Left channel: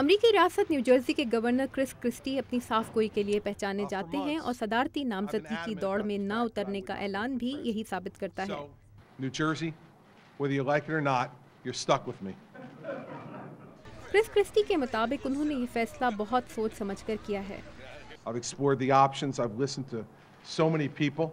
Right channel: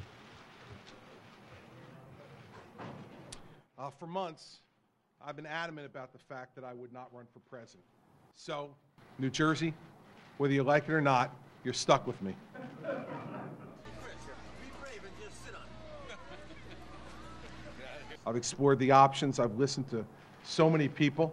امریکی ریاست new Jersey کے گورنر کرس کرسٹی اپنی صاف گوئی کے لیے پہچانے جاتے ہیں اور صدارتی نامزدگی کی دوڑ میں نہ اترنے کا اعلان بھی یہی ثابت کرتا ہے۔ New Jersey, whether you like it or not, you're stuck with me. Chris Christie کے مطابق انہوں نے یہ فیصلہ بہت سوچ سمجھ کر کیا ہے۔ I've explored the options, I've listened to so many people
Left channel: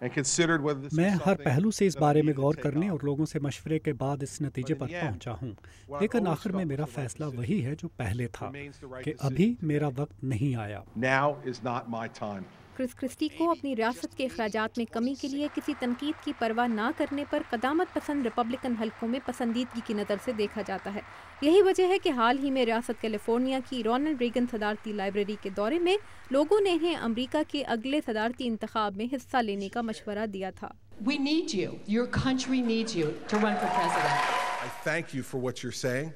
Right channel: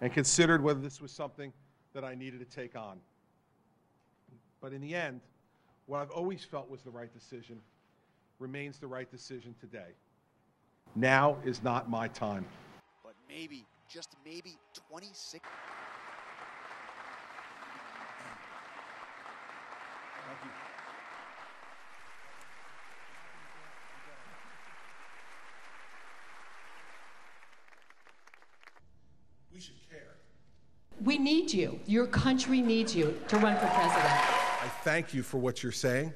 and considered whether this میں was ہر something پہلو سے اس that I بارے میں needed to غور take کرنے on. اور لوگوں سے مشورے کے بعد اس نتیجے But per in the end, پہنچا ہوں، what I've لیکن always آخر میں felt میرا was the right فیصلہ decision. وہی ہے جو پہلے تھا Remains the right کہ decision ابھی today. میرا وقت نہیں آیا۔ Now is not my time. Chris Christie کو اپنی ریاست کے اخراجات میں کمی کے لیے کسی تنقید کی پرواہ نہ کرنے پر قدامت پسند ریپبلکن حلقوں میں پسندیدگی کی نظر سے دیکھا جاتا ہے۔ یہی وجہ ہے کہ حال ہی میں ریاست کیلیفورنیا کی رونلڈ ریگن صدارتی لائبریری کے دورے میں لوگوں نے انہیں امریکہ کے اگلے صدارتی انتخاب میں حصہ لینے کا مشورہ دیا تھا۔ We need you. Your country needs you to run for president. I thank you for what you're saying.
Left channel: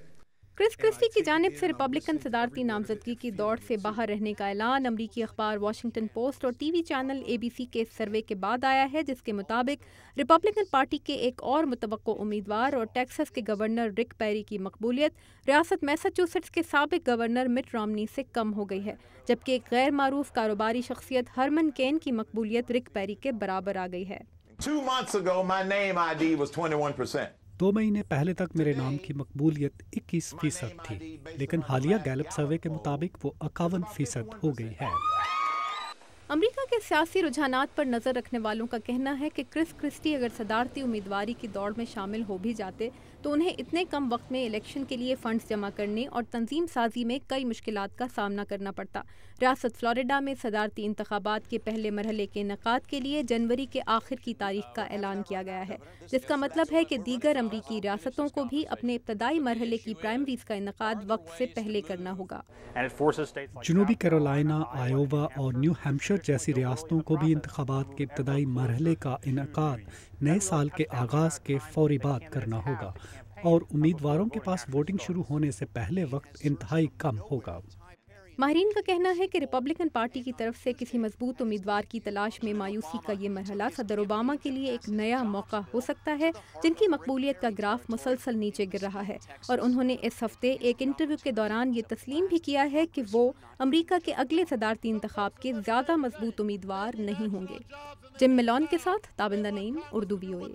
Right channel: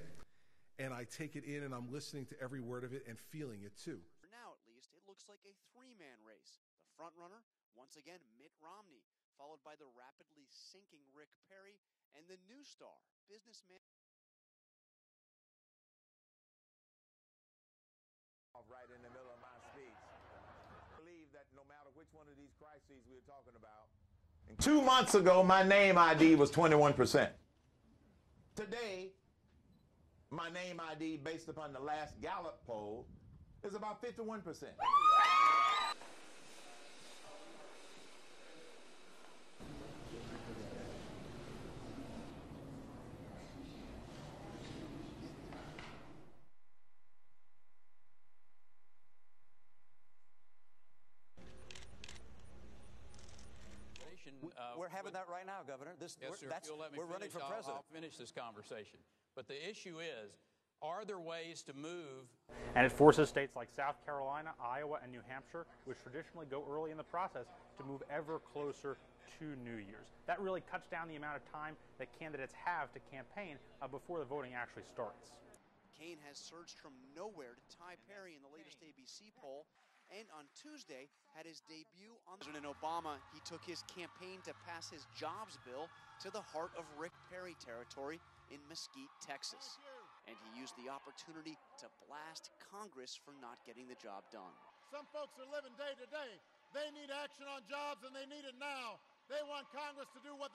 Chris Christie کی جانب سے ریپبلکن صدارتی نامزدگی کی دوڑ سے باہر رہنے کا اعلان امریکی اخبار واشنگٹن پوسٹ اور ٹی وی چینل ABC کے سروے کے بعد آیا ہے، جس کے مطابق ریپبلکن پارٹی کے ایک اور متوقع امیدوار اور ٹیکساس کے گورنر رک پیری کی مقبولیت ریاست میساچوسیٹس کے سابق گورنر مٹ رامنی سے کم ہو گئی ہے، جبکہ ایک غیر معروف کاروباری شخصیت ہرمن کین کی مقبولیت رک پیری کے برابر آ گئی ہے۔ 2 months ago, my name ID was 21%. 2 مہینے پہلے تک میرے نام کی مقبولیت 21% تھی، لیکن حالیہ گیلپ سروے کے مطابق وہ 51% ہو گئی ہے۔ امریکہ کے سیاسی رجحانات پر نظر رکھنے والوں کا کہنا ہے کہ کرس کرسٹی اگر صدارتی امیدواری کی دوڑ میں شامل ہو بھی جاتے تو انہیں اتنے کم وقت میں الیکشن کے لیے فنڈز جمع کرنے اور تنظیم سازی میں کئی مشکلات کا سامنا کرنا پڑتا۔ ریاست فلوریڈا میں صدارتی انتخابات کے پہلے مرحلے کے انعقاد کے لیے جنوری کے آخر کی تاریخ کا اعلان کیا گیا ہے، جس کا مطلب ہے کہ دیگر امریکی ریاستوں کو بھی اپنے ابتدائی مرحلے کی پرائمریز کا انعقاد وقت سے پہلے کرنا ہوگا۔ جنوبی کیرولائنا، آئیووا اور نیو ہیمپشائر جیسی ریاستوں کو بھی انتخابات کے ابتدائی مرحلے کا انعقاد نئے سال کے آغاز کے فوری بعد کرنا ہوگا، اور امیدواروں کے پاس ووٹنگ شروع ہونے سے پہلے وقت انتہائی کم ہوگا۔ ماہرین کا کہنا ہے کہ ریپبلکن پارٹی کی طرف سے کسی مضبوط امیدوار کی تلاش میں مایوسی کا یہ مرحلہ صدر اوباما کے لیے ایک نیا موقع ہو سکتا ہے، جن کی مقبولیت کا گراف مسلسل نیچے گر رہا ہے، اور انہوں نے اس ہفتے ایک انٹرویو کے دوران یہ تسلیم بھی کیا ہے کہ وہ امریکہ کے اگلے صدارتی انتخاب کے زیادہ مضبوط امیدوار نہیں ہوں گے۔ جم ملون کے ساتھ تابندہ نعیم، اردو VOA۔